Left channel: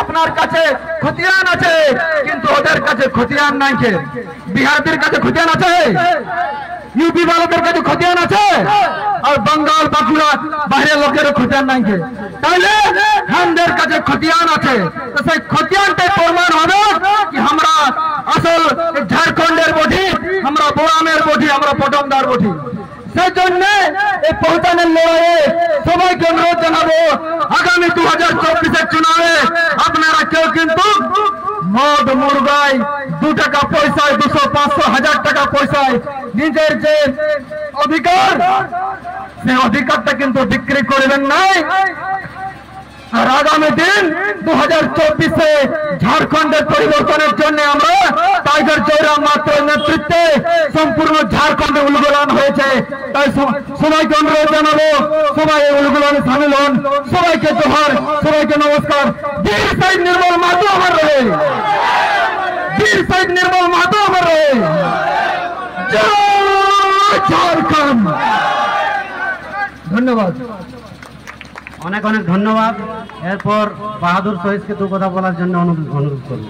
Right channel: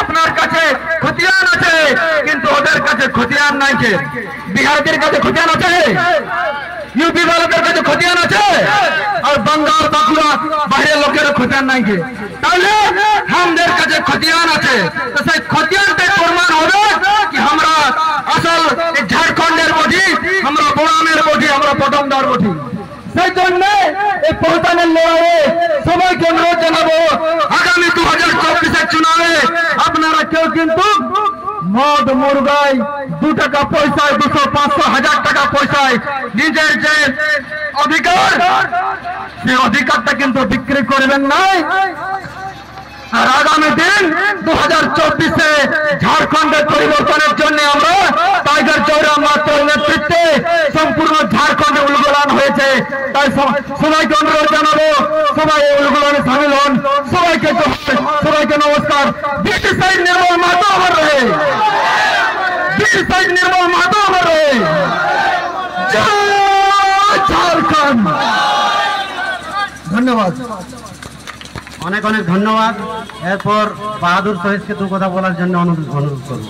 আপনার কাছে খতিয়ান আছে কিন্তু ওদের কাছে খতিয়ান নাই। বিহারদের কাছে খতিয়ান আছে, यूपी वालों কাছে খতিয়ান আছে, আর বাঙ্গাল বাকিরা বাইরের লোকের খতিয়ান নাই। তাহলে আমাদের কাছে খতিয়ান আছে, তো সেই খতিয়ানটা প্রমাণ হবে কি আমরা আসল ঝাড়খণ্ডের বধি, আমরা বোরামের বধি, আমরা পটমদার বধি। সেই জন্য এই পৌঁছানোর লড়াইয়ে সবাইকে অনুরোধ জানাবো, আগামী 2024-এর চুনাবে আপনারা কেউ কিন্তু মদ মুরগাই 2 টাকা পয়সায় 200, 500, 1000 টাকা পয়সায় নিজের যে অধিকার, সেই অধিকারটা কিন্তু বিক্রি করবেন নাই। আর আগামী দিন 2024-এ ঝাড়খণ্ডের পরিবর্তনের জন্য আমরা টাইগার চৌরা মাত্র নেতৃত্বে সম্পূর্ণ ঝাড়খণ্ডে উলগুলান হয়েছে। তাই সবাইকে অনুরোধ জানাবো, সবাই এই উলগুলানে সামিল হন। সবাইকে জোহার, সবাইকে নমস্কার। বীর শহীদ নির্মল মাহাতো আমার রহে, বীর শহীদ নির্মল মাহাতো আমার রহে। জয় ঝাড়খণ্ড। ধন্যবাদ, অনেক অনেক ধন্যবাদ। এরপর বাহাদুর শহীদকে 2 কথা বলার জন্য অনুরোধ করব।